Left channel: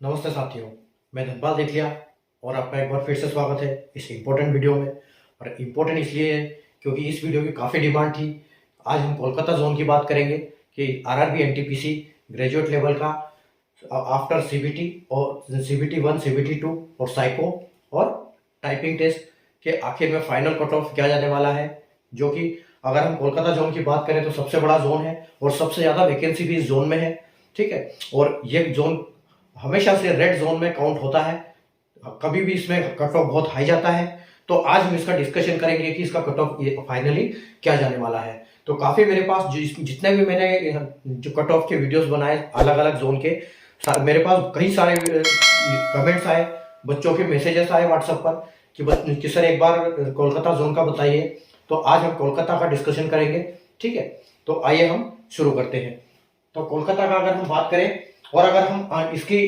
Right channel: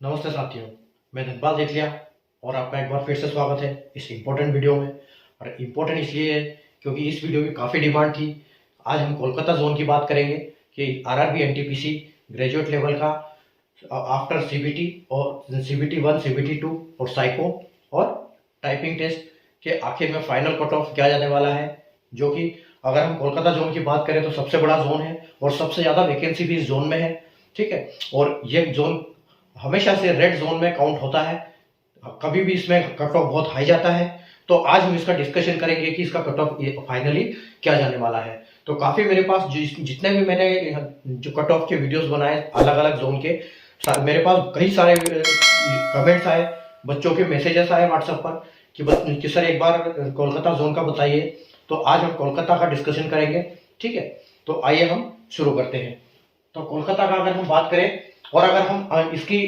नमस्ते साथियों, मैं धनपाल देखलिया और आपका एक बार फिर से स्वागत है इस इम्पोर्टेंट वीडियो में। और इम्पोर्टेंट इसलिए है क्योंकि इस वीडियो की काफ़ी डिमांड थी। आज हम कोलकाता जोन की बात करेंगे कि आरआरबी एनटीपीसी ग्रेजुएट लेवल का आफ्टर सीबीटी और सीबीटी 1, सीबीटी 2 और साइको और टाइपिंग टेस्ट के आखिर में फाइनल कट ऑफ क्या जाने वाला है, जो कि अगर हम कोलकाता जोन की बात करें तो सबसे बड़ा जोन है और सबसे ज़्यादा वैकेंसी भी इस जोन में है। ठीक है, और ये जोन हमेशा से रेड जोन में काउंट होता है, कभी भी इसमें कट ऑफ बहुत हाई जाता है। तो आज हम इसका डिस्कशन करेंगे कि इसका कट ऑफ फाइनली क्या जाने वाला है। तो काफ़ी मेरे पास जितने भी मैंने जो कट ऑफ के वीडियोस बनाए अलग अलग जोन के, मेरे पास कई सारे कमेंट्स आए, बच्चों के मैसेजेस आए व्हाट्सएप पर कि सर एक बार कोलकाता जोन का बताइए। तो आज हम कोलकाता का डिस्कशन करेंगे। ठीक है, तो आइए हम शुरू करते हैं। तो कोलकाता का अगर हम बात करें और अगर हम इसकी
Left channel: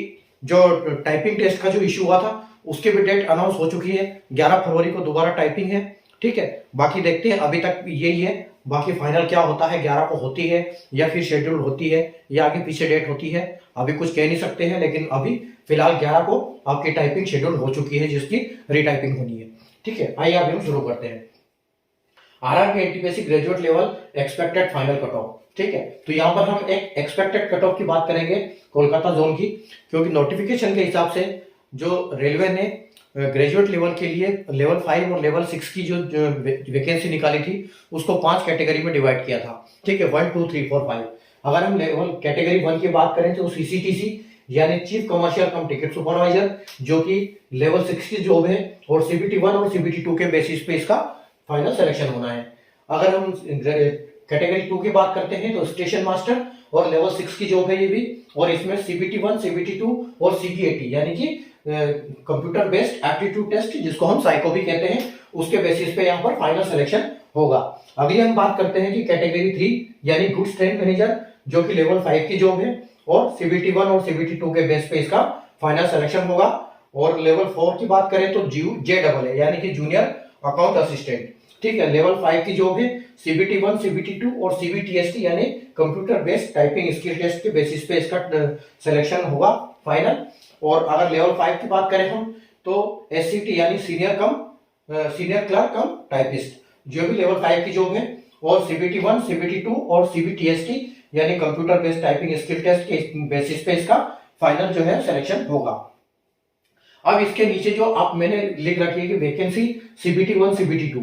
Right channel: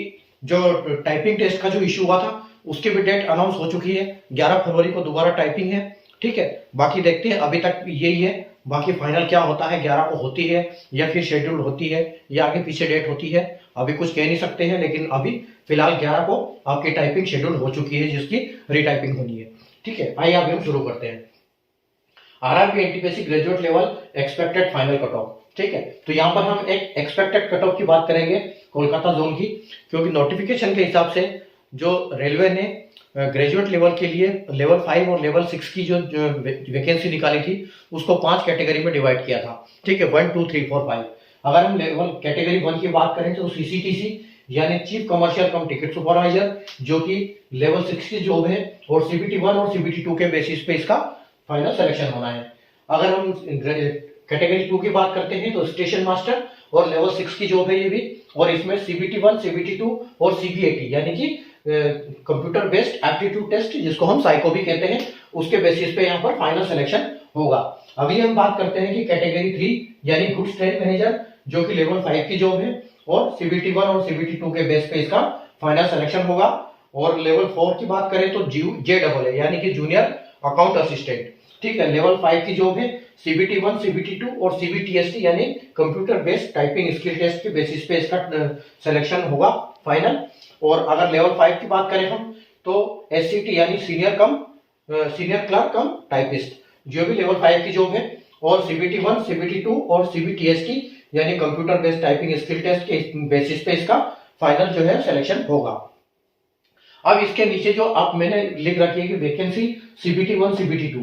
जो टाइपिंग टेस्ट का जो इशू हुआ था उसकी भी डेट अनाउंस हो चुकी है, 11 फरवरी को दोबारा टाइपिंग है। ठीक है, बाकी देखते हैं, अभी तक यही है, बाकी फाइनल क्या होता है, 11 को होती है या फिर शेड्यूल होती है या आगे पीछे डेट होती है, अभी कुछ कह नहीं सकते हैं। लेकिन अभी फिलहाल 11 को आपकी टाइपिंग शेड्यूल हो चुकी है जिसकी रीटाइपिंग होनी है। ठीक है, आइए अभी हम शुरू करते हैं। RRB NTPC graduate level expected final cut off. ठीक है, तो यहाँ पर हम एक एक्सपेक्टेड कट ऑफ की बात करेंगे कोलकाता जोन की, क्योंकि नोटिफिकेशन के हिसाब से जो रेलवे ने ग्रेजुएट लेवल के लिए लेवल 5 और लेवल 6 की जो वैकेंसी निकाली थी उसको 5 कैटेगरी में डिवाइड किया था। ठीक है, 1, 2, 3, 4, 5। अगर हम लेवल कैटेगरी 1 की बात करें तो सीसीटीसी यानी चीफ कमर्शियल कम टिकट सुपरवाइजर, जो कि लेवल 6 की जॉब है, और सीबीटी 1 और सीबीटी 2 के बेसिस पे इसका फाइनल सिलेक्शन होना है। अगर हम कैटेगरी 2 की बात करते हैं तो स्टेशन मास्टर और लेवल 6 की जॉब है ये भी, और इसमें सीबीटी 1, सीबीटी 2 और सीबीएटी यानी कि कंप्यूटर बेस्ड एप्टीट्यूड टेस्ट, जिसको हम साइको भी कहते हैं, उसके बेसिस पे यहाँ पर फाइनल सिलेक्शन होगा। अभी हम बात करते हैं कि कैटेगरी 3 यानी गुड्स ट्रेन मैनेजर, जो कि लेवल 5 की जॉब है, और सीबीटी 1 और सीबीटी 2 के बेस पे इसका फाइनल सिलेक्शन होगा। और लेवल 4 की बात करें तो JEE यानी कि जूनियर अकाउंट असिस्टेंट। ठीक है, लेवल 5 की जॉब है, सीबीटी 1, सीबीटी 2 और सीबीटीएसटी यानी computer based typing skill test के बेसिस पे इसका सिलेक्शन होगा फाइनल। और अगर लेवल 5 की बात करें हम तो एससीटी यानी सीनियर क्लर्क कम टाइपिस्ट, जो भी लेवल 5 की जॉब है, और सीबीटी 1, सीबीटी 2 और सीबीटीएसटी यानी computer based typing skill test के बेसिस पे इसका फाइनल जो है सिलेक्शन होगा। अब इसके नीचे जो आप मैंने लिख रखी है कि वैकेंसी सीबीटी 1, सीबीटी 2,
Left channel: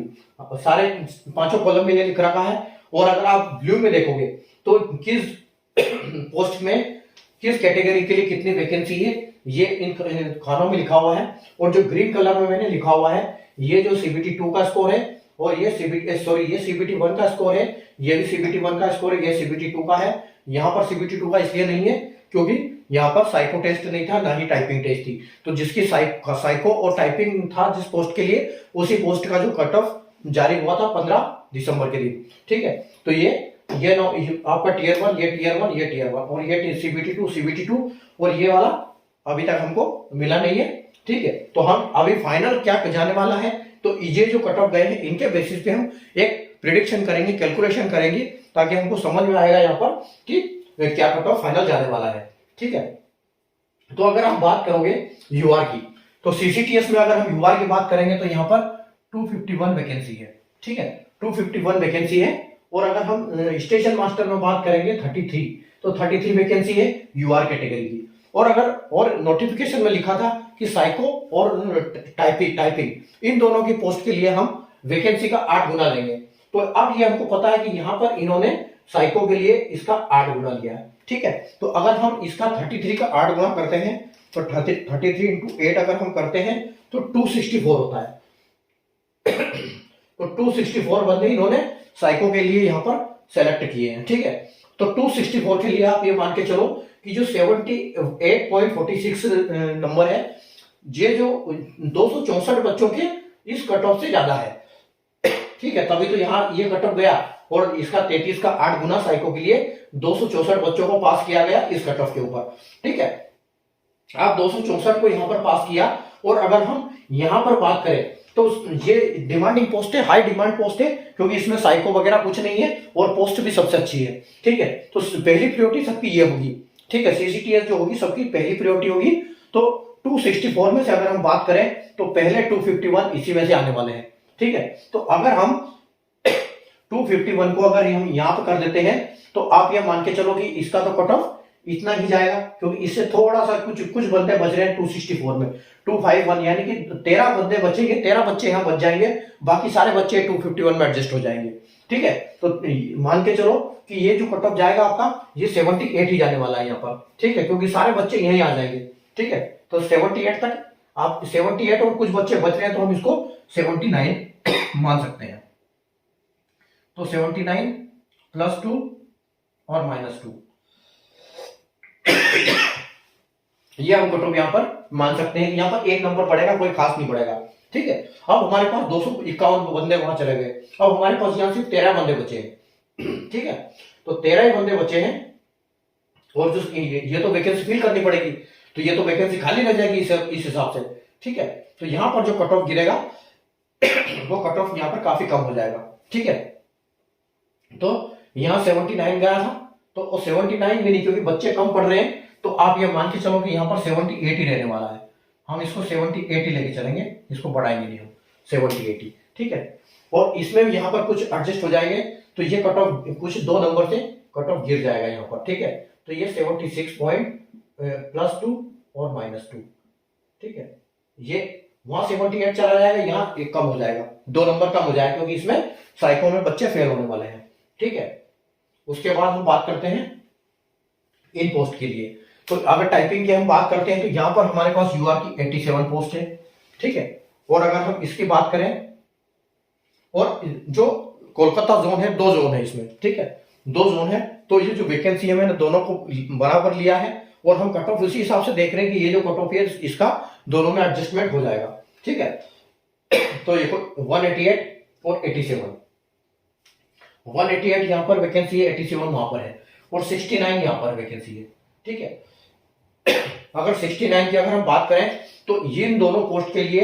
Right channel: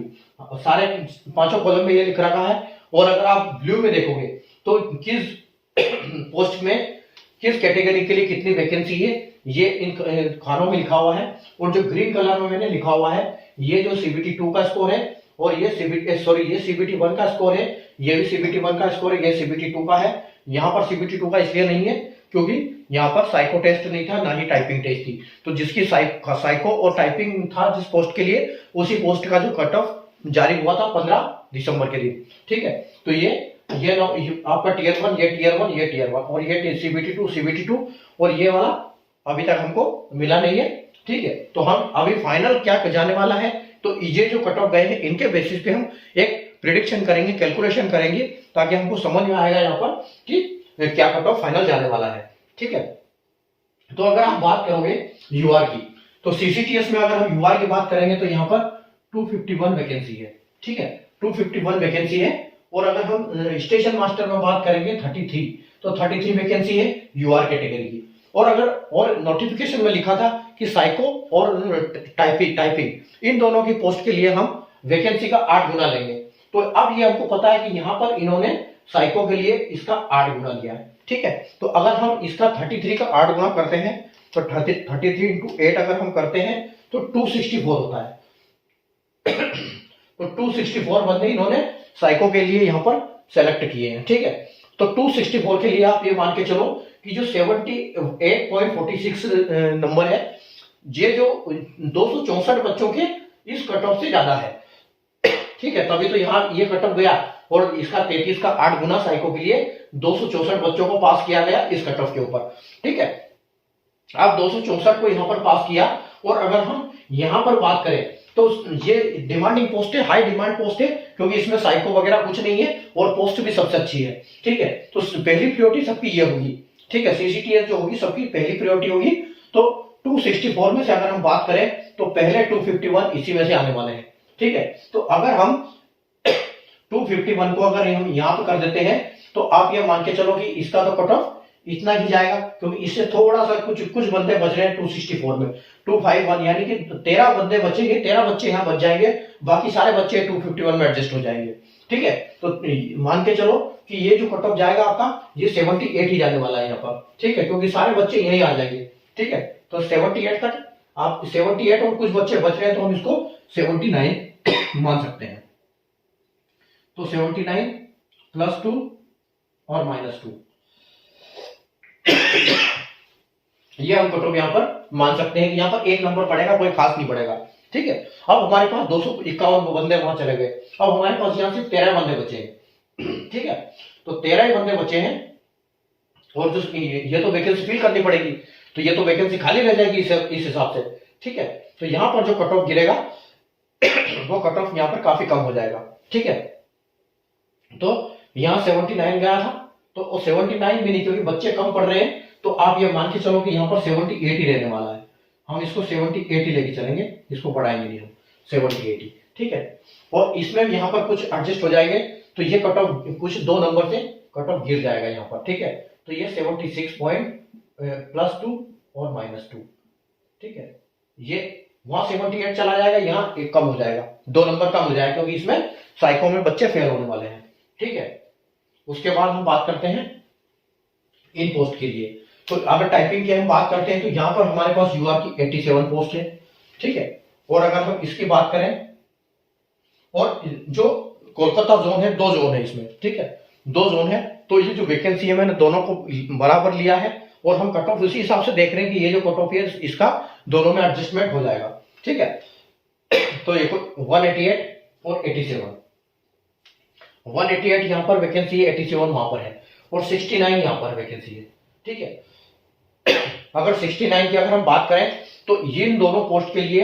सारे पांचों कॉलम में ये लिख रखा है। और अगर आप ब्लू में देखोगे तो किस पोस्ट में किस कैटेगरी के लिए कितनी वैकेंसी है ये इन खानों में लिखा हुआ है। और जो ग्रीन कलर में मैंने लिखा हुआ है ये जो सीबीटी 2 का स्कोर है, और ये सीबीटी 1 का स्कोर है, ये भी सीबीटी 1 का स्कोर है, ये सीबीटी 2 का है। यहाँ पर सीबीटी 2 का इसलिए नहीं है क्योंकि यहाँ पर साइको टेस्ट नहीं था, ना ही टाइपिंग टेस्ट थी। तो जिसकी साइको और टाइपिंग था जिस पोस्ट के लिए, उसी पोस्ट का जो कट ऑफ जारी हुआ था 15 दिसंबर के दिन। ठीक है, तो ये आपका टीयर 1, ये टीयर 1, ये टीयर 1, और ये सीबीटी 2 और ये वाला अभी तक हमको मिला नहीं है। ठीक है, तो हम अभी फाइनल क्या जाने वाला है, तो ये जो कट ऑफ गए हैं इनके बेसिस पे हम एक प्रिडिक्शन करेंगे, कैलकुलेशन करेंगे, ताकि हमको समझ में आएगा यहाँ पर कि क्या कट ऑफ फाइनल जाने वाला है। ठीक है, तो अगर हम बात करोगे यूआर की, तो सीसीटीएस में अगर हम यूआर की बात करेंगे तो यहाँ पर 251 वैकेंसी है। ठीक है, 251 वैकेंसी है। और अगर हम स्टेशन मास्टर में बात करेंगे 33, तो 33 वैकेंसी है यूआर कैटेगरी की। और अगर और नोटिफिकेशन में लिखा था कि साइको और टाइपिंग इन दोनों की पोस्ट के लिए हम वैकेंसी का 8 गुना लेंगे। तो अब ये हमको पता है कि यहाँ पर इन्होंने साइको के लिए इसका 8 गुना लिया है। ठीक है, तो अगर हम इसका 33 का 8 गुना करते हैं तो 33 इंटू 8 अगर हम करते हैं तो 264 होता है। तो 264 बंदे इन्होंने साइको के लिए यहाँ पर सेलेक्ट किए हैं। ठीक है, तो 264 के लिए आप ये मान के चलो कि जो 78.46 नंबर है, ये जो 264 बच्चों के इस कट ऑफ से ज्यादा है। ठीक है, तभी तो यहाँ ये कट ऑफ गया, और इसका 33 का 8 गुना साइको के लिए 264 बच्चों को पास किया गया इस कट ऑफ के ऊपर। ठीक है, आप 264 को यहाँ पर पास किया। और अगर हम यहाँ पर बात करें तो ये डिमांडिंग पोस्ट है, हाई डिमांड पोस्ट है, क्योंकि इसमें साइको वगैरह कुछ नहीं है और पोस्ट भी सबसे अच्छी है। ठीक है, तो पहली प्रायोरिटी सबकी ये होगी। ठीक है, सीसीटीएस जो होगी सबकी पहली प्रायोरिटी होगी तो 264 में से अगर हम बात करें तो पहले 251 इसी में से आने वाले हैं। ठीक है, तो अगर हम 251 को अगर हम यहां पर कर देते हैं तो आप ये मान के चलो कि इसका तो कट ऑफ इतना ही जाएगा, क्योंकि इससे थोड़ा सा कुछ बंदे बच रहे हैं 264 में। 251 यानी कि 13 बंदे बचेंगे, 13 बच्चे यहाँ बच जाएंगे, बाकी सारे बच्चे 251 में एडजस्ट हो जाएंगे। ठीक है, तो मान के चलो कि ये जो कट ऑफ जाएगा आपका, ये 78 ही जाने वाला है यहाँ पर। ठीक है, क्योंकि सारे बच्चे यहीं आ जाएंगे। ठीक है, तो 78 तक आप 78 और कुछ बच्चे बच रहे हैं तो हम इसको 79 मान सकते हैं। तो 79 प्लस 2 और माइनस 2 ये हम कट ऑफ यहां पर मान सकते हैं कि यहां पर एक नंबर पड़ेगा, कोई खास नहीं पड़ेगा। ठीक है, अब हमारे पास 251 बंदे वहां चले गए, अब हमारे पास यहां सिर्फ 13 बंदे बचे हैं। ठीक है, तो 13 ही बंदे बचे हैं और जो ये तो वैकेंसी फिल करनी पड़ेगी, तो ये तो वैकेंसी खाली रह जाएगी इस हिसाब से। ठीक है, तो यहां पर जो कट ऑफ गिरेगा वो कट ऑफ यहां पर काफी कम हो जाएगा। ठीक है, तो यहां 79 गया था, तो 79 भी नहीं, क्योंकि बच्चे कम पढ़ रहे हैं, तो आप ये मान के चलो कि यहाँ पर 78 ही रहने वाला है। हम इसको 78 ही लेके चलेंगे, इसको बढ़ाएंगे नहीं हम, 78। ठीक है, और इसमें यहाँ पर कुछ एडजस्ट हो जाएंगे, तो ये कट ऑफ कुछ 2 नंबर से कट ऑफ गिर जाएगा यहाँ पर। ठीक है, तो ये 76 पॉइंट प्लस 2 और माइनस 2। ठीक है, ये वहां 78 चला जाएगा, यहाँ एक कम हो जाएगा, 2 नंबर कम हो जाएगा, क्योंकि इसमें साइको में बच्चे फेल होने वाले हैं। ठीक है, उसके बाद हम बात करते हैं इन पोस्ट के लिए। तो अगर टाइपिंग की हम बात करते हैं तो यहाँ पर हमारे पास यूआर की 87 पोस्ट है। ठीक है, और अगर हम इसकी बात करें, और जो कोलकाता जोन है, 2 जोन है इसमें। ठीक है, 2 जोन है, तो ये जो वैकेंसी है मैंने दोनों को बराबर लिया है, और हम कट ऑफ उसी हिसाब से देख रहे हैं कि ये जो कट ऑफ है इसका दोनों में एडजस्टमेंट हो जाएगा। ठीक है, तो ये 188 और 87, 188 यहाँ पर वैकेंसी है, 87 वहां पर है, और 69 यहाँ पर वैकेंसी है। ठीक है, अगर 69 की अगर हम बात करें तो इन दोनों पोस्ट के लिए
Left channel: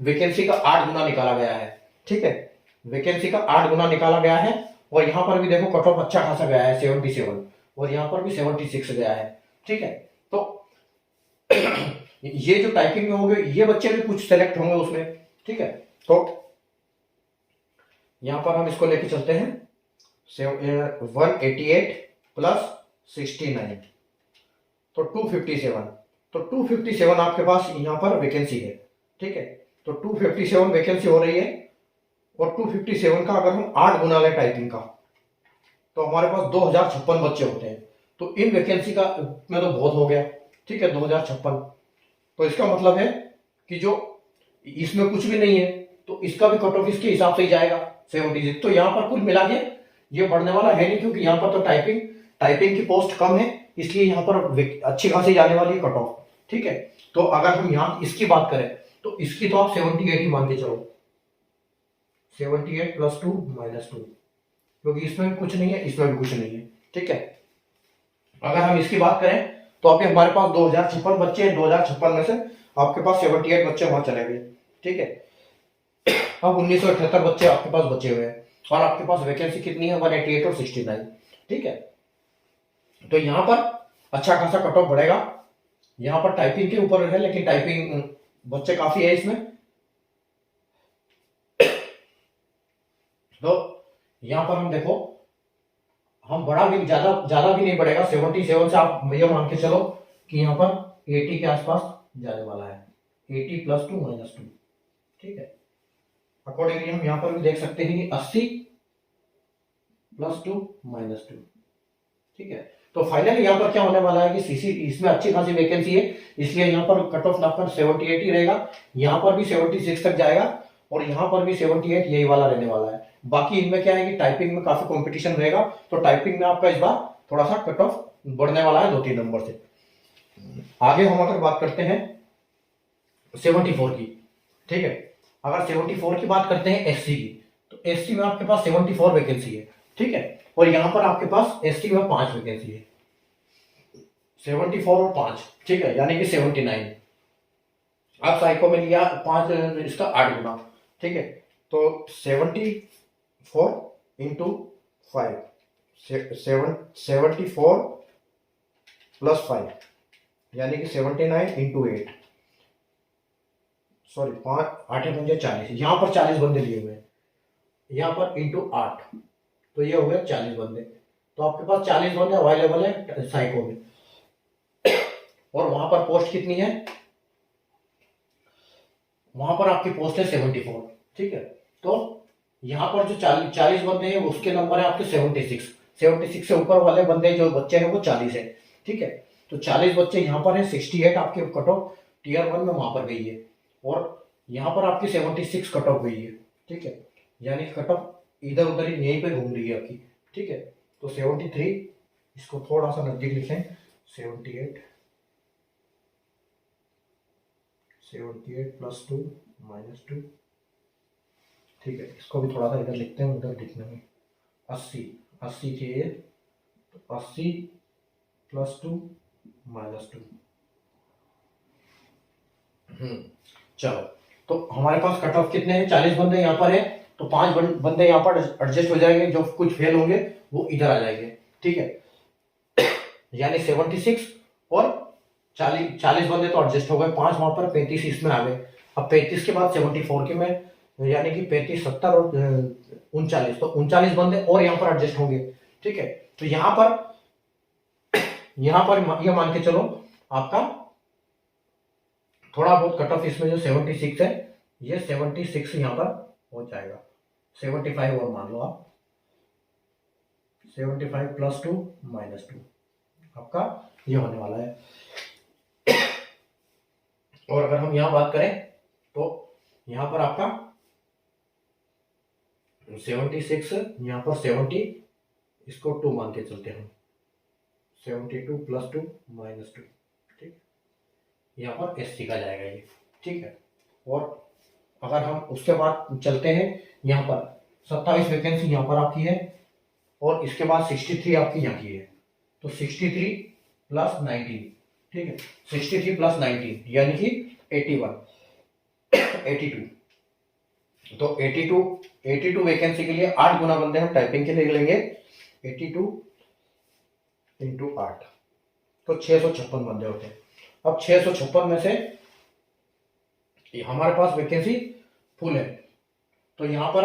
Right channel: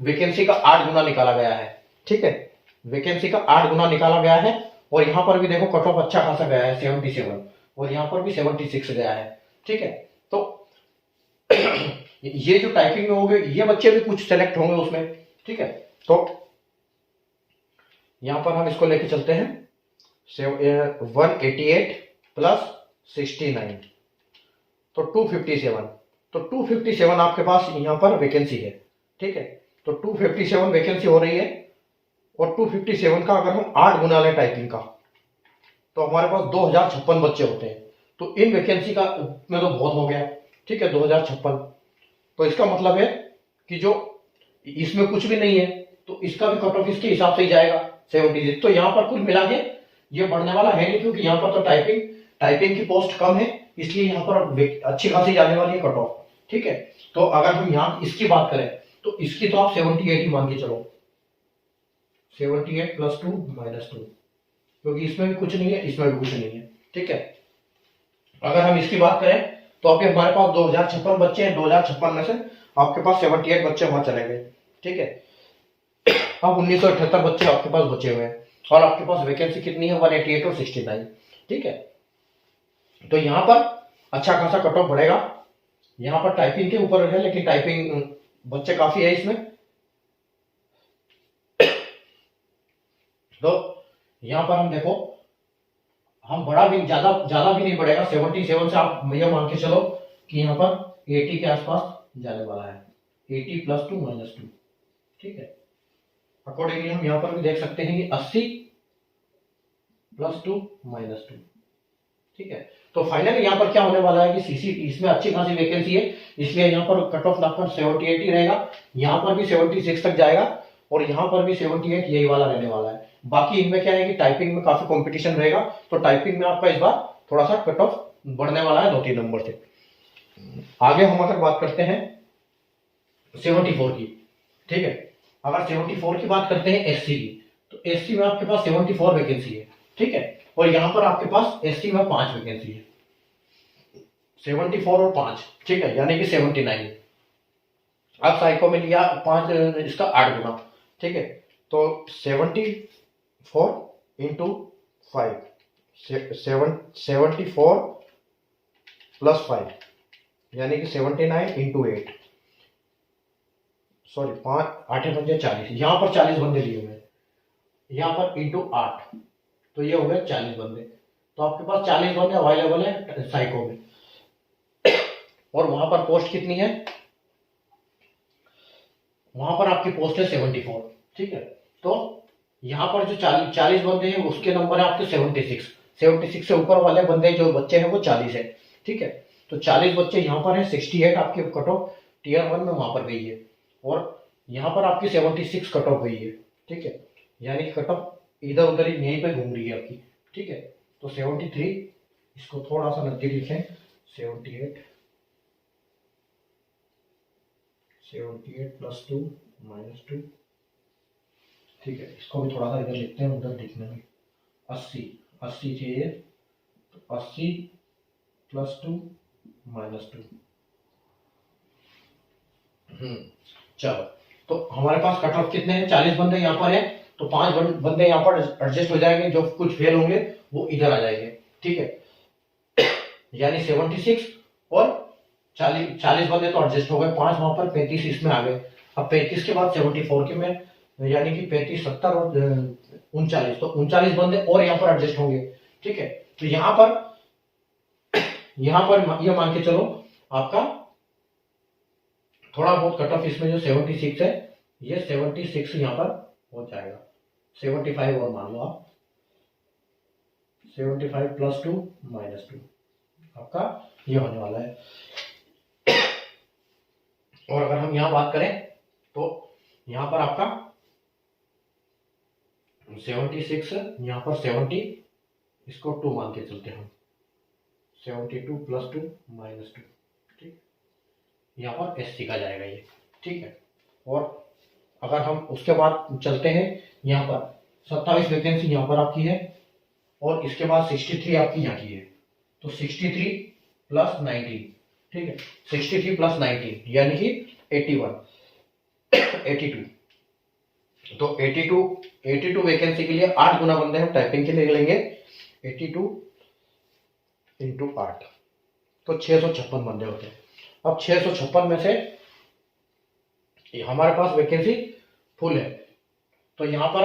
वैकेंसी का 8 गुना निकाला गया है। ठीक है, वैकेंसी का 8 गुना निकाला गया है, और यहाँ पर भी देखो कट ऑफ अच्छा खासा गया है 77, और यहाँ पर भी 76 गया है। ठीक है, तो ये जो टाइपिंग में होंगे ये बच्चे भी कुछ सेलेक्ट होंगे उसमें। ठीक है, तो यहां पर हम इसको लेके चलते हैं 188 प्लस 69, तो 257। तो 257 आपके पास यहां पर वैकेंसी है। ठीक है, तो 257 वैकेंसी हो रही है, और 257 का अगर हम 8 गुना लें टाइपिंग का, तो हमारे पास 2056 बच्चे होते हैं। तो इन वैकेंसी का में तो बहुत हो गया। ठीक है, 2056, तो इसका मतलब है कि जो इसमें कुछ भी नहीं है, तो इसका भी कट ऑफ इसके हिसाब से ही जाएगा 76। तो यहाँ पर कुल मिला के ये बढ़ने वाला है नहीं, क्योंकि यहाँ पर तो टाइपिंग की पोस्ट कम है, इसलिए यहाँ पर अच्छी खासी जाने वाली है कट ऑफ। ठीक है, तो अगर हम यहाँ इसकी बात करें तो इसकी तो आप 78 ही मान के चलो, 78 प्लस 2 माइनस 2, क्योंकि इसमें भी कुछ नहीं है, इसमें भी कुछ नहीं है। ठीक है, अगर हम इसकी बात करें तो अभी हमारे पास 2056 बच्चे हैं, 2056 में से आपके पास 78 बच्चे वहां चले गए। ठीक है, अब 1978 बच्चे आपके पास बचे हुए हैं, और आपके पास वैकेंसी कितनी है 188 और 69। ठीक है, तो यहाँ पर अच्छा खासा कट ऑफ बढ़ेगा, यहाँ पर टाइपिंग के ऊपर है, लेकिन टाइपिंग बच्चे काफी है इसमें। तो यहाँ पर हम देखो, हम बड़ा भी ज्यादा भी नहीं बढ़ेगा, 77 से आप ये मान के चलो कि यहाँ पर 80 के आसपास जाने वाला है, 80 प्लस 2 माइनस 2। ठीक है, अकॉर्डिंगली हम यहाँ पर भी देख सकते हैं कि 80 प्लस 2 माइनस 2। ठीक है, तो फाइनली यहाँ पर क्या होने वाला है कि सीसी इसमें अच्छी खासी वैकेंसी है, इसलिए यहाँ पर कट ऑफ लगभग 78 ही रहेगा, यहाँ पर भी 76 तक जाएगा, और यहाँ पर भी 78 यही वाला रहने वाला है। बाकी इनमें क्या है कि टाइपिंग में काफी कंपटीशन रहेगा, तो टाइपिंग में आपका इस बार थोड़ा सा कट ऑफ बढ़ने वाला है 2-3 नंबर से। आगे हम अगर बात करते हैं 74 की। ठीक है, अगर 74 की बात करते हैं एससी की, तो एससी में आपके पास 74 वैकेंसी है। ठीक है, और यहाँ पर आपके पास एसटी में 5 वैकेंसी है, 74 और 5। ठीक है, यानी कि 79। अब साइको में लिया 5, इसका 8 गुना। ठीक है, तो 74 इंटू 5, 74 प्लस 5, यानी कि 79 इंटू 8, सॉरी 5 8 पंजे 40, यहाँ पर 40 बंदे लिए हुए हैं, यहाँ पर इंटू 8, तो ये हो गया 40 बंदे। तो आपके पास 40 बंदे अवेलेबल है साइको में। और वहां पर पोस्ट कितनी है, वहां पर आपकी पोस्ट है 74, ठीक है। तो यहाँ पर जो 40 बंदे हैं उसके नंबर है आपके 76, 76 से ऊपर वाले बंदे जो बच्चे हैं वो 40 है, ठीक है। तो 40 बच्चे यहाँ पर है, 68 आपके कट ऑफ टीयर 1 में वहां पर गई है, और यहाँ पर आपकी 76 कट ऑफ गई है, ठीक है। यानी कट ऑफ इधर उधर ही यहीं पे घूम रही है आपकी, ठीक है। तो 73, इसको थोड़ा सा नजदीक लिखें, 78 प्लस 2 माइनस 2, ठीक है। इसको भी थोड़ा सा इधर लिखते हैं, उधर दिखने में 80 चाहिए, तो 80 प्लस 2 माइनस 2। चलो, तो हमारे पास कट ऑफ कितने हैं, 40 बंदे यहाँ पर है, तो 5 बंदे यहाँ पर एडजस्ट हो जाएंगे, जो कुछ फेल होंगे वो इधर आ जाएंगे, ठीक है। यानी 76 और 40 बंदे तो एडजस्ट हो गए, 5 वहां पर, 35 इसमें आ गए। अब 35 के बाद 74 के में, यानी कि 35 70 और 39, तो 39 बंदे और यहाँ पर एडजस्ट होंगे, ठीक है। तो यहाँ पर ये मान के चलो आपका थोड़ा बहुत कट ऑफ इसमें जो 76 है, ये 76 यहाँ पर हो जाएगा, 75 और मान लो आप, 75 प्लस 2 माइनस 2 आपका ये होने वाला है। और अगर हम यहाँ बात करें तो यहाँ पर आपका 76, यहाँ पर 70, इसको 2 मान के चलते हैं हम, 72 प्लस 2 माइनस 2, ठीक, यहाँ पर एस सी का जाएगा ये, ठीक है। और अगर हम उसके बाद चलते हैं, यहाँ पर 27 वैकेंसी यहाँ पर आपकी है, और इसके बाद 63 आपकी यहाँ की है, तो 63 प्लस 19, ठीक है, 63 प्लस 19 यानी कि 81 82, तो 82 वैकेंसी के लिए 8 गुना बंदे हम टाइपिंग के लिए लेंगे, 82 इंटू 8, तो 656 बंदे होते हैं। अब 656 में से हमारे पास वैकेंसी फुल है, तो यहाँ पर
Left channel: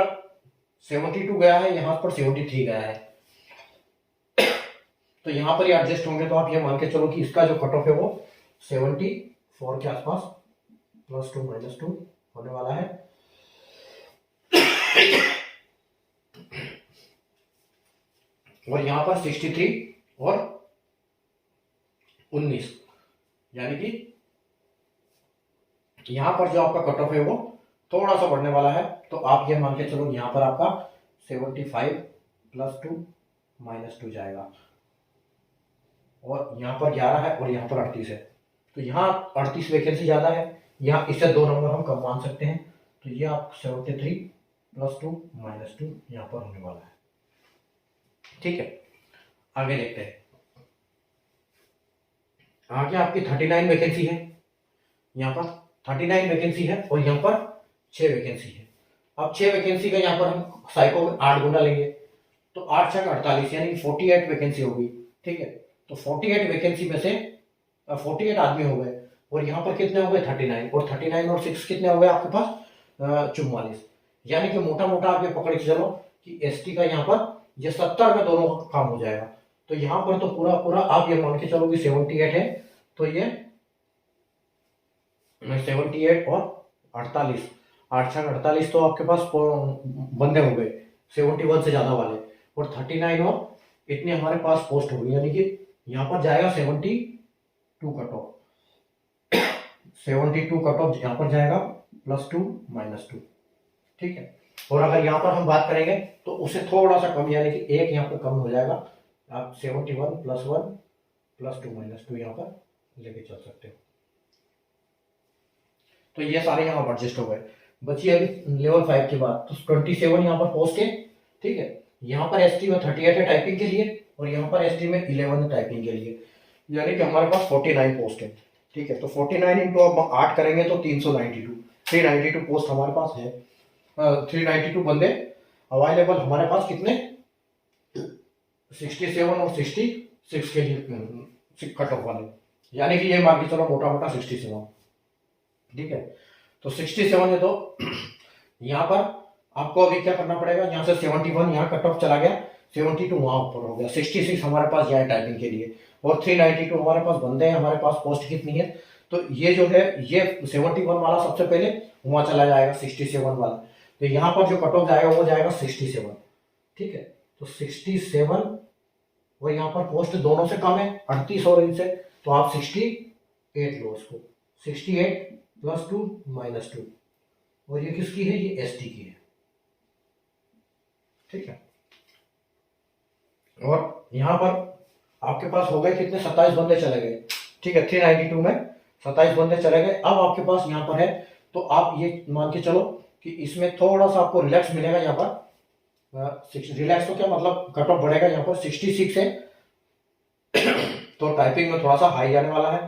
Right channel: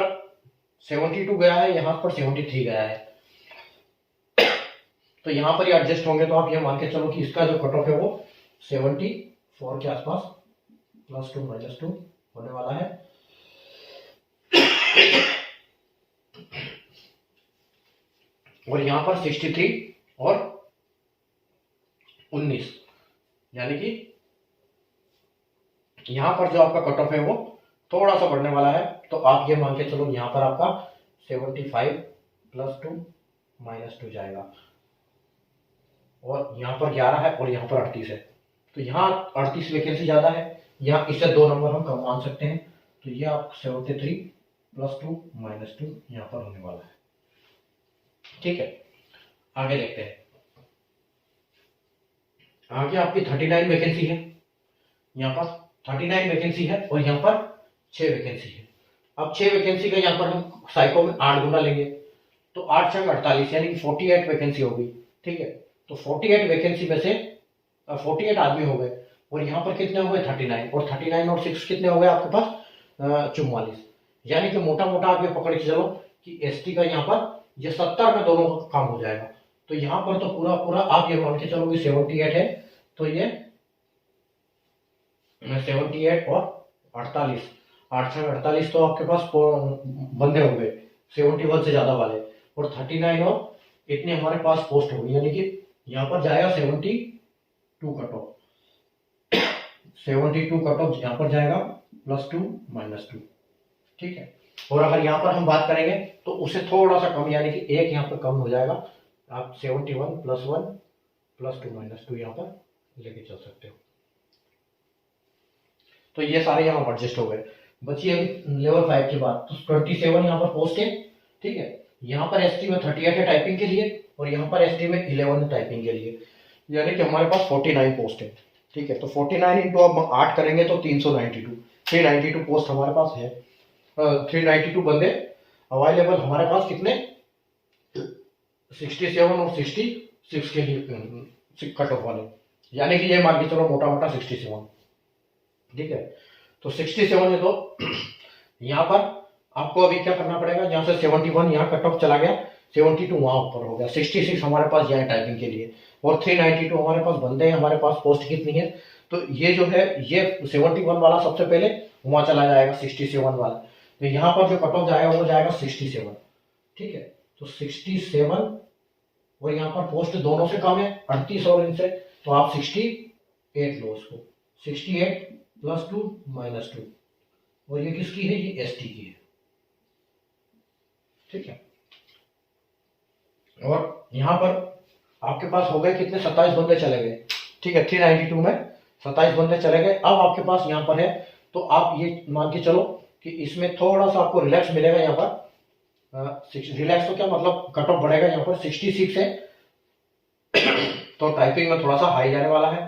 72 गया है, यहाँ पर 73 गया है, तो यहाँ पर ये एडजस्ट होंगे, तो आप ये मान के चलो कि इसका जो कट ऑफ है वो 74 के आसपास प्लस 2 माइनस 2 होने वाला है। और यहाँ पर 63 और 19, यानी कि यहाँ पर जो आपका कट ऑफ है वो थोड़ा सा बढ़ने वाला है, तो आप ये मान के चलो यहाँ पर आपका 75 प्लस 2 माइनस 2 जाएगा, और यहाँ पर 11 है और यहाँ पर 38 है, तो यहाँ 38 वैकेंसी ज़्यादा है, यहाँ इससे 2 नंबर हम कम मान सकते हैं, तो ये आप 73 प्लस 2 माइनस 2 यहाँ पर होने वाला है, ठीक है। आगे देखते हैं, आगे आपकी 39 वैकेंसी है, यहाँ पर 39 वैकेंसी है, और यहाँ पर 6 वैकेंसी है। अब 6 वैकेंसी का यहाँ पर हम साइको में 8 गुना लेंगे, तो 8 छंग 48, यानी कि 48 वैकेंसी होगी, ठीक है। तो 48 वैकेंसी में से 48 आदमी हो गए, और यहाँ पर कितने हो गए 39, और 39 और 6 कितने हो गए आपके पास 44, यानी कि मोटा मोटा आप ये पकड़ के चलो कि एसटी का यहाँ पर ये 70 में दोनों का काम हो जाएगा। तो यहाँ पर तो पूरा पूरा आप ये मान के चलो कि 78 है, तो ये 78 और 48, 8 छंग 48, तो आपके पास बंदे हो गए 71 से ज्यादा वाले, और 39 और इतने हमारे पास पोस्ट हो गई, यानी कि यहाँ पर जाएगा 72 कट ऑफ, 72 कट ऑफ यहाँ पर जाएगा प्लस 2 माइनस 2, ठीक है। और अगर यहाँ पर हम बात करेंगे तो उससे थोड़ा सा कम, यानी कि एक यहाँ पर कम हो जाएगा, आप 71 प्लस 1 प्लस 2 माइनस 2 यहाँ पर लेके चल सकते हो। तो ये सारे यहाँ पर एडजस्ट हो गए। बची अभी लेवल 5 की बात, तो 27 यहाँ पर पोस्ट है, ठीक है। यहाँ पर एसटी में 38 है टाइपिंग के लिए, और यहाँ पर एसटी में 11 है टाइपिंग के लिए, यानी कि हमारे पास 49 पोस्ट है, ठीक है। तो 49 इंटू अब 8 करेंगे तो 392 पोस्ट हमारे पास है, 392 बंदे अवेलेबल हमारे पास, कितने 67 और 66 के लिए कट ऑफ वाले, यानी कि ये मान के चलो मोटा मोटा 67, ठीक है। तो 67 है, तो यहाँ पर आपको अभी क्या करना पड़ेगा, यहाँ से 71 यहाँ कट ऑफ चला गया, 72 वहाँ ऊपर हो गया, 66 हमारे पास यहाँ टाइपिंग के लिए, और 392 हमारे पास बंदे हैं, हमारे पास पोस्ट कितनी है, तो ये जो है ये 71 वाला सबसे पहले वहाँ चला जाएगा, 67 वाला, तो यहाँ पर जो कट ऑफ जाएगा वो जाएगा 67, ठीक है। तो 67 और यहाँ पर पोस्ट दोनों से कम है 38 और इनसे, तो आप 68 लो उसको, 68 + 2 - 2, और ये किसकी है, ये ST की है, ठीक है। और यहाँ पर आपके पास हो गए कितने, 27 बंदे चले गए, ठीक है। 392 में 27 बंदे चले गए। अब आपके पास यहाँ पर है, तो आप ये मान के चलो कि इसमें थोड़ा सा आपको रिलैक्स मिलेगा यहाँ पर, रिलैक्स तो क्या मतलब कट ऑफ बढ़ेगा, यहाँ पर 66 है तो टाइपिंग में थोड़ा सा हाई जाने वाला है,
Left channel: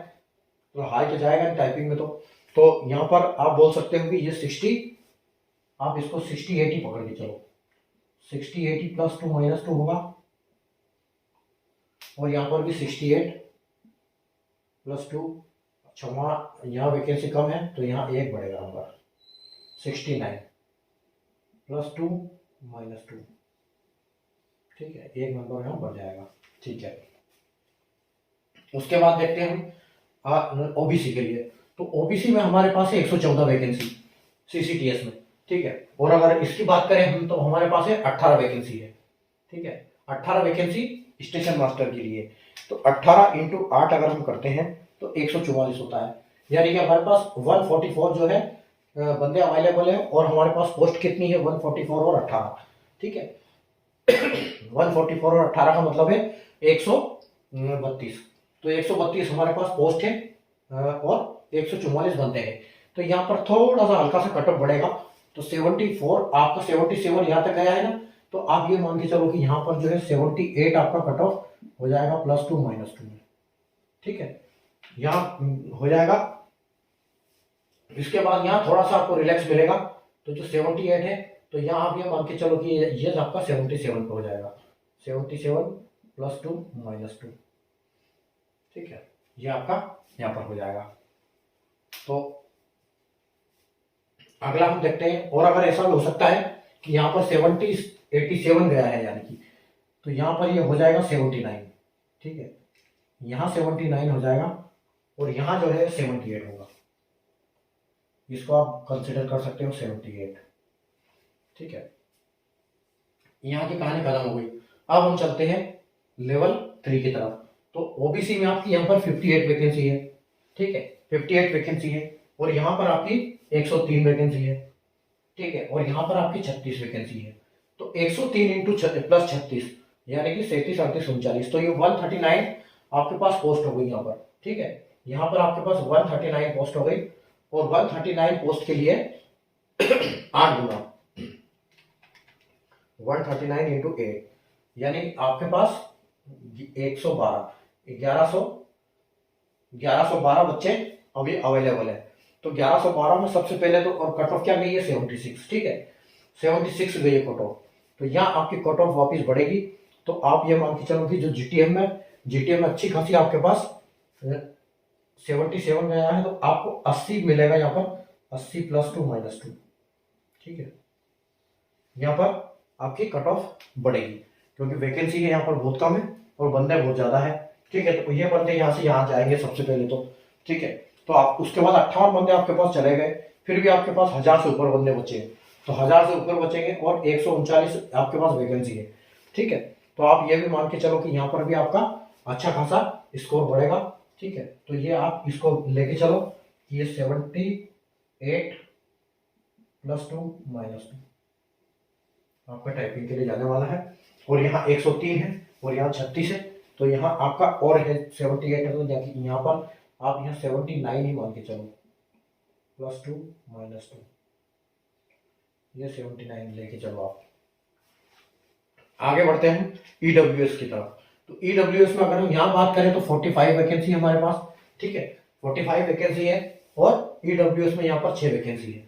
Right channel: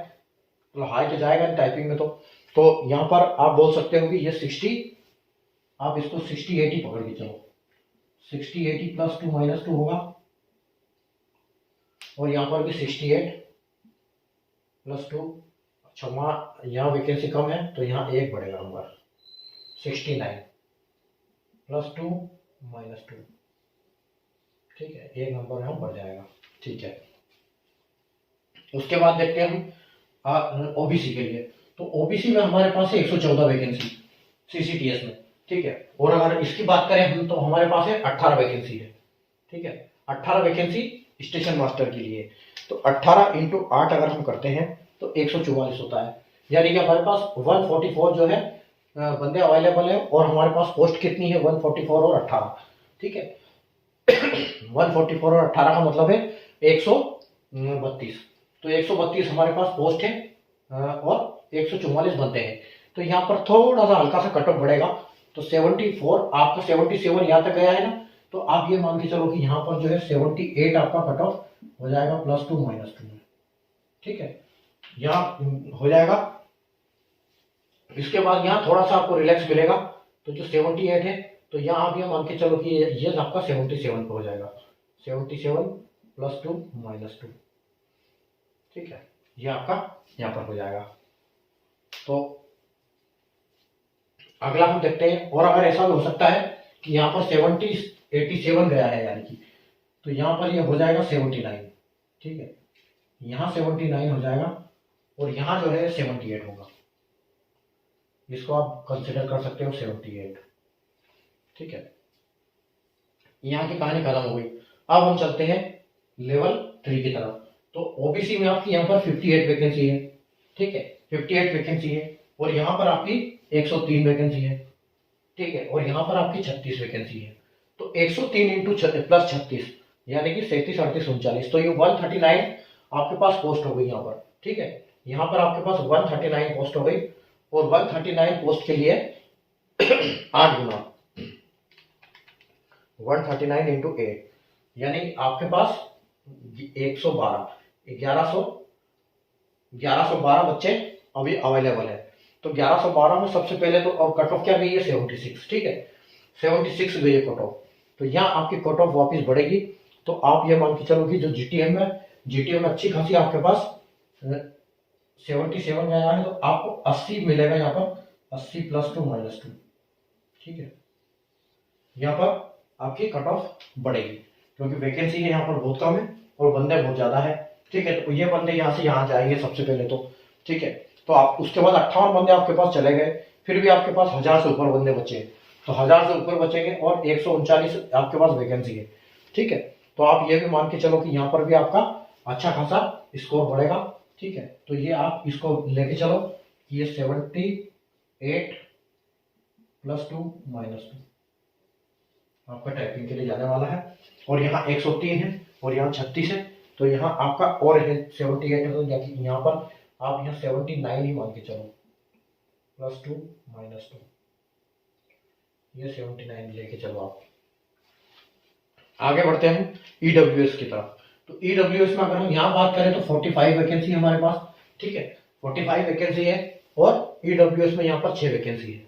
तो हाई तो जाएगा टाइपिंग में, तो यहाँ पर आप बोल सकते हो कि ये 60, आप इसको 60-80 पकड़ के चलो, 60-80 + 2 - 2 होगा, और यहाँ पर भी 68 + 2, अच्छा वहाँ यहाँ वैकेंसी कम है तो यहाँ एक बढ़ेगा नंबर, 69 + 2 - 2, ठीक है, एक नंबर यहाँ बढ़ जाएगा, ठीक है। उसके बाद देखते हैं हम OBC के लिए, तो OBC में हमारे पास है 114 वैकेंसी CCTS में, ठीक है। और अगर इसकी बात करें हम, तो हमारे पास है 18 वैकेंसी है, ठीक है, 18 वैकेंसी स्टेशन मास्टर के लिए। तो 18 × 8 अगर हम करते हैं तो 144 होता है, यानी कि हमारे पास 144 जो है बंदे अवेलेबल है, और हमारे पास पोस्ट कितनी है, 144 और 18, ठीक है। 144 और 18 का मतलब है 132, तो 132 हमारे पास पोस्ट है, और 144 बनते हैं, तो यहाँ पर थोड़ा सा हल्का सा कट ऑफ बढ़ेगा, तो 74 आपका 77 यहाँ तक गया है ना, तो आप ये मान के चलो कि यहाँ पर जो है 78 आपका कट ऑफ हो जाएगा, +2 - 2 में, ठीक है, यहाँ हो जाएगा। इसके बाद यहाँ थोड़ा सा आपको रिलैक्स मिलेगा, तो जो 78 है, तो यहाँ आप ये मान के चलो कि ये आपका 77 पे हो जाएगा, 77 + 2 - 2, ठीक है, ये आपका यहाँ पर हो जाएगा। तो अगला हम देखते हैं, और अगर ऐसा भी हो सकता है कि यहाँ पर 87 गया है, यानी कि तो यहाँ पर ये हो जाएगा 79, ठीक है, यहाँ 79 हो जाएगा, और यहाँ जो है 78 होगा, इसको आप कंसिडर कर सकते हो 78, ठीक है। यहाँ की कहानी खत्म हो गई। अब हम चलते हैं लेवल 3 की तरफ। तो OBC में आपकी यहाँ पर 58 वैकेंसी है, ठीक है, 58 वैकेंसी है, और यहाँ पर आपकी 103 वैकेंसी है, ठीक है, और यहाँ पर आपकी 36 वैकेंसी है। तो 103 × +36 यानी कि 37, 38, 39, तो ये 139 आपके पास पोस्ट हो गई यहाँ पर, ठीक है। यहाँ पर आपके पास 139 पोस्ट हो गई, और 139 पोस्ट के लिए 8 गुना 139 × 8, यानी आपके पास 112 1112 बच्चे अभी अवेलेबल है। तो 1112 में सबसे पहले तो, और कट ऑफ क्या गई है, 76, ठीक है, 76 गई है कट ऑफ, तो यहाँ आपकी कट ऑफ वापिस बढ़ेगी। तो आप ये मान के चलो कि जो GTM में अच्छी खासी आपके पास 77 गया है, तो आपको 80 मिलेगा यहाँ पर, 80 + 2 - 2, ठीक है, यहाँ पर आपकी कट ऑफ बढ़ेगी, क्योंकि वैकेंसी है यहाँ पर बहुत कम है और बंदे बहुत ज़्यादा है, ठीक है। तो ये बंदे यहाँ से यहाँ जाएंगे सबसे पहले तो, ठीक है। तो आप उसके बाद 58 बंदे आपके पास चले गए, फिर भी आपके पास 1000 से ऊपर बंदे बचे, तो 1000 से ऊपर बचेंगे, और 139 आपके पास वैकेंसी है, ठीक है। तो आप ये भी मान के चलो कि यहाँ पर भी आपका अच्छा खासा स्कोर बढ़ेगा, ठीक है। तो ये आप इसको लेके चलो, ये 78 + 2 - 2 आपका टाइपिंग के लिए जाने वाला है, और यहाँ 103 है, और यहाँ 36 है, तो यहाँ आपका और है 78 है, तो यहाँ पर आप यहाँ 79 ही मान के चलो, +2 - 2, ये 79 लेके चलो। आप आगे बढ़ते हैं EWS की तरफ। तो EWS में अगर हम यहाँ बात करें तो 45 वैकेंसी हमारे पास, ठीक है, 45 वैकेंसी है, और EWS में यहाँ पर 6 वैकेंसी है,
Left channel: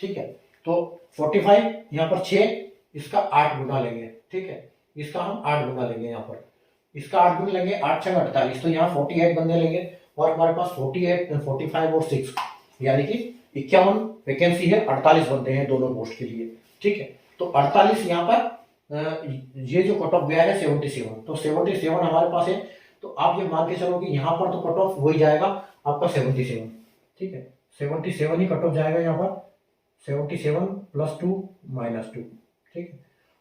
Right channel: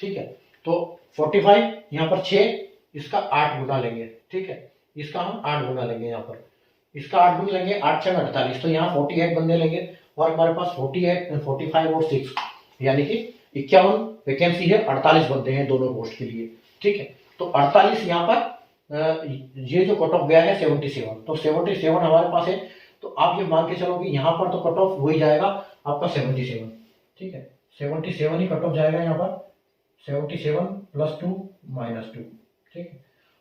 ठीक है। तो 45 यहाँ पर 6, इसका 8 गुना लेंगे, ठीक है, इसका हम 8 गुना लेंगे, यहाँ पर इसका 8 गुना लेंगे, 8 × 6 = 48, तो यहाँ 48 बंदे लेंगे, और हमारे पास 48, 45 और 6, यानी कि 51 वैकेंसी है, 48 बनते हैं दोनों पोस्ट के लिए। ठीक है, तो 48 यहाँ पर ये जो कट ऑफ गया है 77, तो 77 हमारे पास है, तो आप ये मान के चलो कि यहाँ पर तो कट ऑफ हो ही जाएगा आपका 77। ठीक है, 77 ही कट ऑफ जाएगा यहाँ पर, 77 + 2 - 2। ठीक है,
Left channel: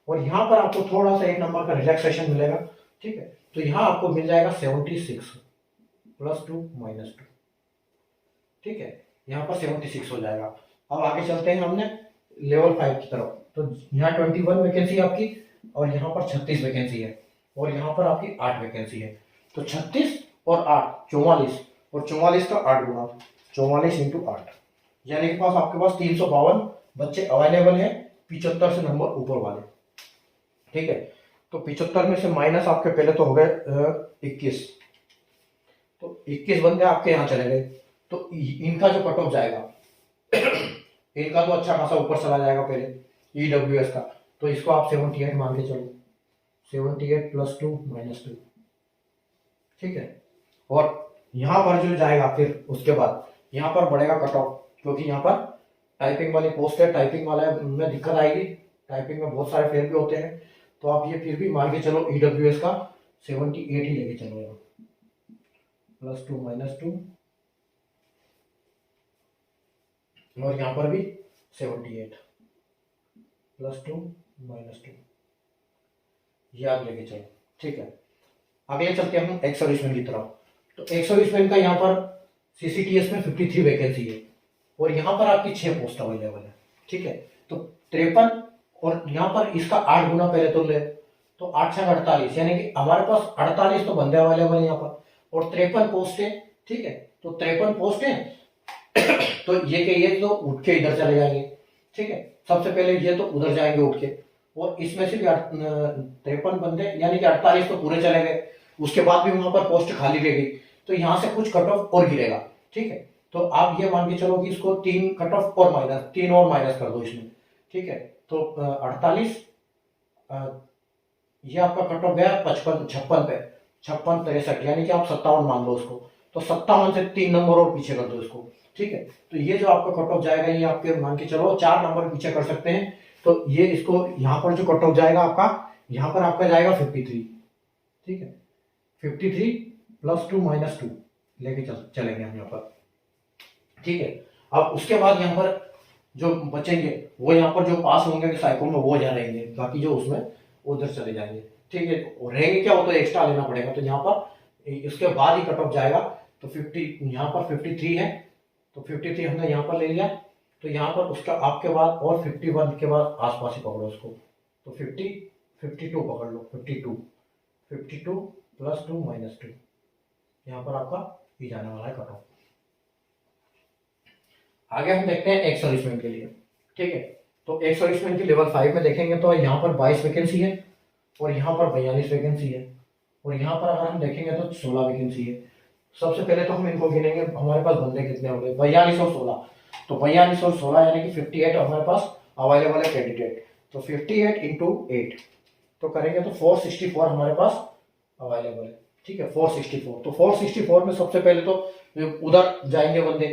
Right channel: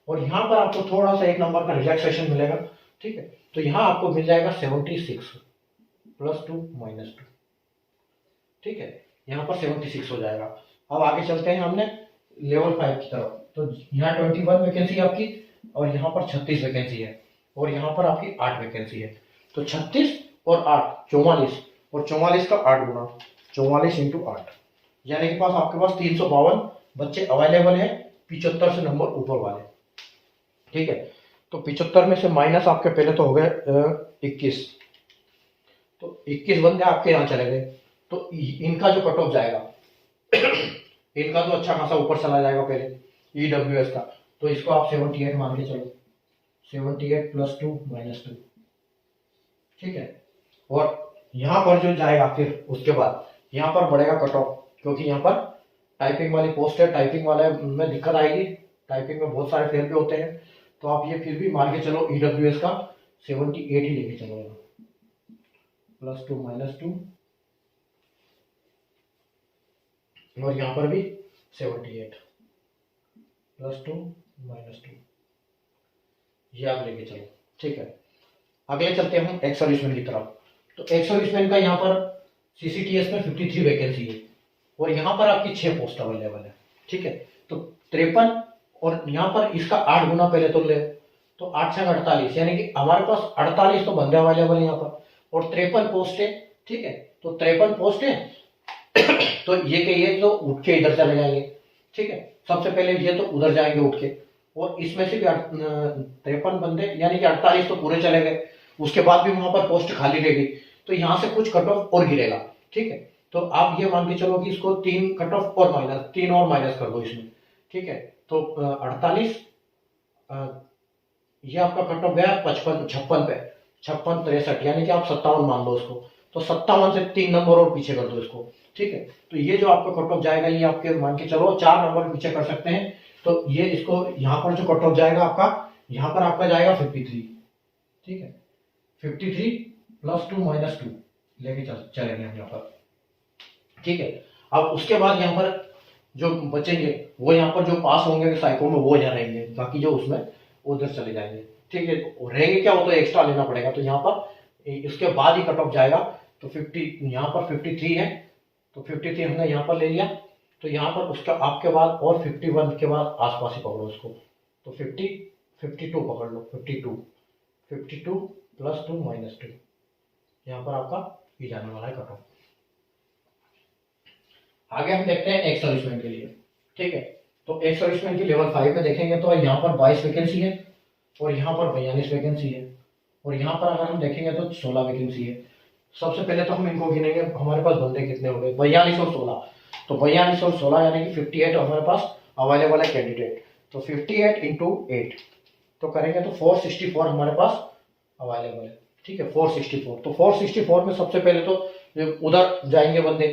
और यहाँ पर आपको थोड़ा सा एक नंबर का रिलैक्सेशन मिलेगा। ठीक है, तो यहाँ आपको मिल जाएगा 76 + 2 - 2। ठीक है, यहाँ पर 76 हो जाएगा। अब आगे चलते हैं हमने लेवल 5 की तरफ। तो यहाँ 21 वैकेंसी आपकी, और यहाँ पर 36 वैकेंसी है, और यहाँ पर आपकी 8 वैकेंसी है। तो 36 और 8 44, और 44 का 8 गुना, 44 × 8, यानी कि पास आपके पास 352 बच्चे अवेलेबल हैं 75 से नंबर ऊपर वाले। ठीक है, तो 75 में से माइनस आपके पहले तो हो गए 21, तो 21 बंदे आपके यहाँ चले गए, तो इनका जो कट ऑफ जाएगा इनका तो अच्छा खासा ऊपर चला जाएगा पहले EWS का, तो इसको आप 78 मान के चलो, 78 + 2 - 2। ठीक है, और यहाँ पर जो जाएगा फिर उसके बाद यहाँ पर बढ़ेगा कट ऑफ, क्योंकि यहाँ पर टाइपिंग वाली पोस्ट है, टाइपिंग वाले में दिक्कत आएगी, टाइपिंग में बहुत सारे फेल भी होते हैं, तो आप ये फिर भी मान के चलो EWS का 78 ही लेके चलो, यहाँ +2 - 2, और यहाँ पर भी 78 + 2 - 2, ये आप लेके चलो। ठीक है, अगले चलते हैं हम एक्स सर्विसमैन की तरफ। तो एक्स सर्विसमैन का यहाँ पर CCTS में 53 वैकेंसी है, और यहाँ पर आपकी 6 पोस्ट अवेलेबल है। ठीक है, तो 53, और यहाँ पर इसका 8 गुना पहले तो ले, तो 8 × 48, यानी कि हमारे पास 48 तो बंदे अवेलेबल है यहाँ पर, और 53 पोस्ट है। ठीक है, तो 53 पोस्ट है, तो ये के ये तो उठ के इधर चले जाएंगे। ठीक है, सबसे पहले ये तो उधर जाएंगे उठ के, और इसमें से भी 53 बंदे, यानी कि 48 तो पूरे चले गए, उसके बाद भी वहां पर पोस्ट खाली रहेगी, तो यहाँ से कुछ कट ऑफ और गिरेगा। ठीक है, तो आप ये मान के चलो कि इसको 3 कट ऑफ और माइनस कर दो इसमें। ठीक है, तो 48, ये आपका कट ऑफ गया 55 56 पे, 56 63, यानी कि आप 57 मान लो उसको, तो 57 से 3 नंबर और पीछे कर दो इसको। ठीक है, तो ये जो आपका कट ऑफ जाएगा, ये आपके मान के चलो 4 नंबर पीछे कर सकते हैं, तो ये इसको यहाँ पर जो कट ऑफ जाएगा आपका, यहाँ पर आपका जाएगा 53। ठीक है, 53 + 2 - 2 लेके चलेंगे हम यहाँ पर। ठीक है, अब उसके बाद यहाँ पर जो बचेंगे वो यहाँ पर जो पास होंगे साइको में वो यहाँ रहेंगे, बाकी जो उसमें उधर चले जाएंगे। ठीक है, तो रहेंगे क्या, वो तो एक्स्ट्रा लेना पड़ेगा, तो यहाँ पर इसके बाद ही कट ऑफ जाएगा। तो 50 यहाँ पर 53 है, तो 53 हमने यहाँ पर ले लिया, तो यहाँ पर उसका आपके बाद और 51 के बाद आसपास ही पकड़ो उसको, तो 52 पकड़ लो, 52 + 2 - 2, यहाँ पर आपका ये जाने वाला है कट ऑफ। आगे हम देखते हैं एक्स सर्विसमैन के लिए। ठीक है, तो एक्स सर्विसमैन की लेवल 5 में देखेंगे तो यहाँ पर 22 वैकेंसी है, और यहाँ पर 42 वैकेंसी है, और यहाँ पर अगर हम देखेंगे तो 16 वैकेंसी है। सबसे पहले तो हम इनको गिनेंगे, हमारे पास बंदे कितने हो गए, 42 और 16, तो 42 और 16 यानी कि 58 हमारे पास अवेलेबल है कैंडिडेट, तो 58 × 8 तो करेंगे तो 464 हमारे पास अवेलेबल है। ठीक है, 464, तो 464 में सबसे पहले तो उधर जाएंगे बंदे,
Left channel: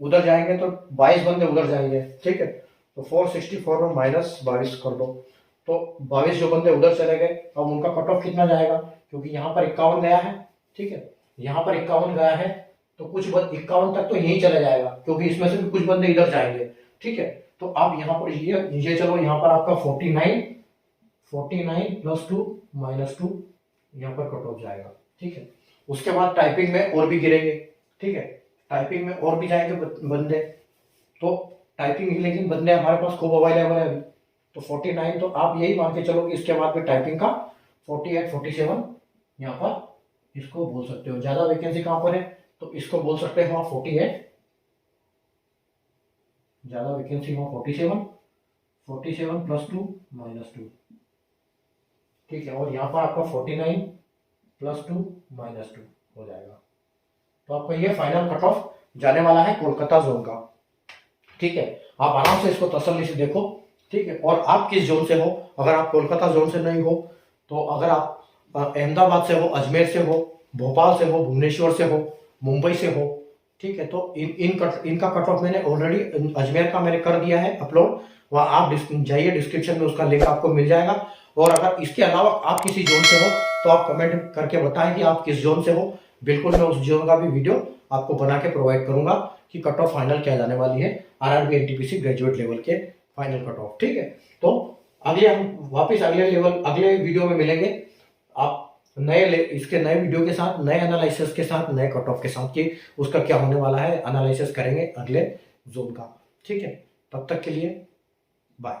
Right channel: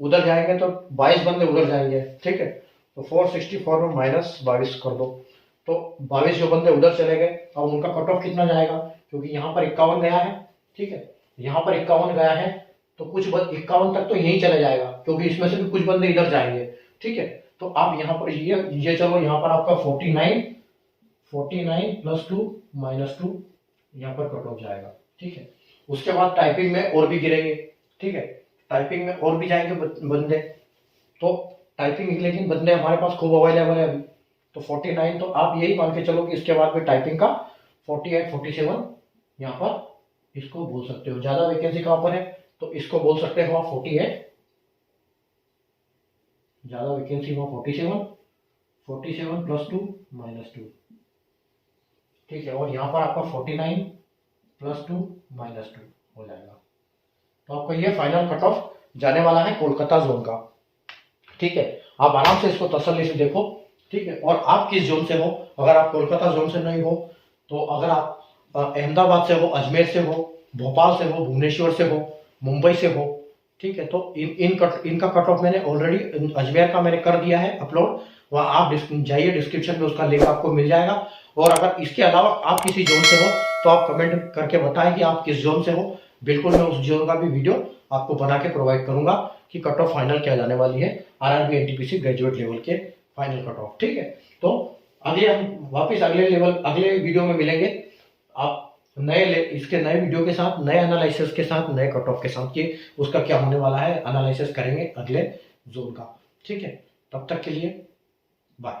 उधर जाएंगे तो 22 बंदे उधर जाएंगे। ठीक है, तो 464 में -22 कर दो, तो 22 जो बंदे उधर चले गए, अब उनका कट ऑफ कितना जाएगा, क्योंकि यहाँ पर 51 गया है। ठीक है, यहाँ पर 51 गया है, तो कुछ 51 तक तो यही चला जाएगा, क्योंकि इसमें से भी कुछ बंदे इधर जाएंगे। ठीक है, तो आप यहाँ पर ये चलो, यहाँ पर आपका 49 + 2 - 2 यहाँ पर कट ऑफ जाएगा। ठीक है, उसके बाद टाइपिंग में और भी गिरेंगे। ठीक है, टाइपिंग में और भी जाएंगे बंदे, तो टाइपिंग लेकिन बंदे हमारे पास खूब अवेलेबल है अभी, तो 49, तो आप यही मान के चलो कि इसके बाद में टाइपिंग का 48 47 यहाँ पर इसको बोल सकते हो। ज्यादा वैकेंसी कहाँ पर है, तो इसको बोल सकते हो आप 48, ज्यादा वैकेंसी हो 47 + 2 - 2। ठीक है, और यहाँ पर आपका 49 + 2 - 2 हो जाएगा, तो आपका ये फाइनल कट ऑफ जाने वाला है कोलकाता जोन का। ठीक है, आप आराम से इसको तसल्ली से देखो। ठीक है, और आप किस जोन से हो, अगर आप कोलकाता जोन से नहीं हो, तो अगर आप अहमदाबाद से हो, अजमेर से हो, भोपाल से हो, भुवनेश्वर से हो, मुंबई से हो, ठीक है, तो इनका कट ऑफ मैंने ऑलरेडी अजमेर का मैंने कर दिया है अपलोड। वहाँ आप जाइए, डिस्क्रिप्शन में उसका लिंक आपको मिल जाएगा। और अगर इसके अलावा आप किसी जोन से हो तो आप कमेंट करके बताएं कि आप किस जोन से हो। बिल्कुल मैं उस जोन का भी वीडियो आपको बना के प्रोवाइड करूंगा कि कट ऑफ फाइनल क्या जाने वाली है आरआरबी एनटीपीसी ग्रेजुएट लेवल के फाइनल कट ऑफ, ठीक है। तो अगले हम वापस अगले वीडियो में मिलेंगे आप इसके नए वीडियो के साथ, नए एनालिसिस के साथ, नए कट ऑफ के साथ कि उसका क्या होने वाला है, एनालिसिस करेंगे अगले जोन का, ठीक है। तब तक के लिए बाय।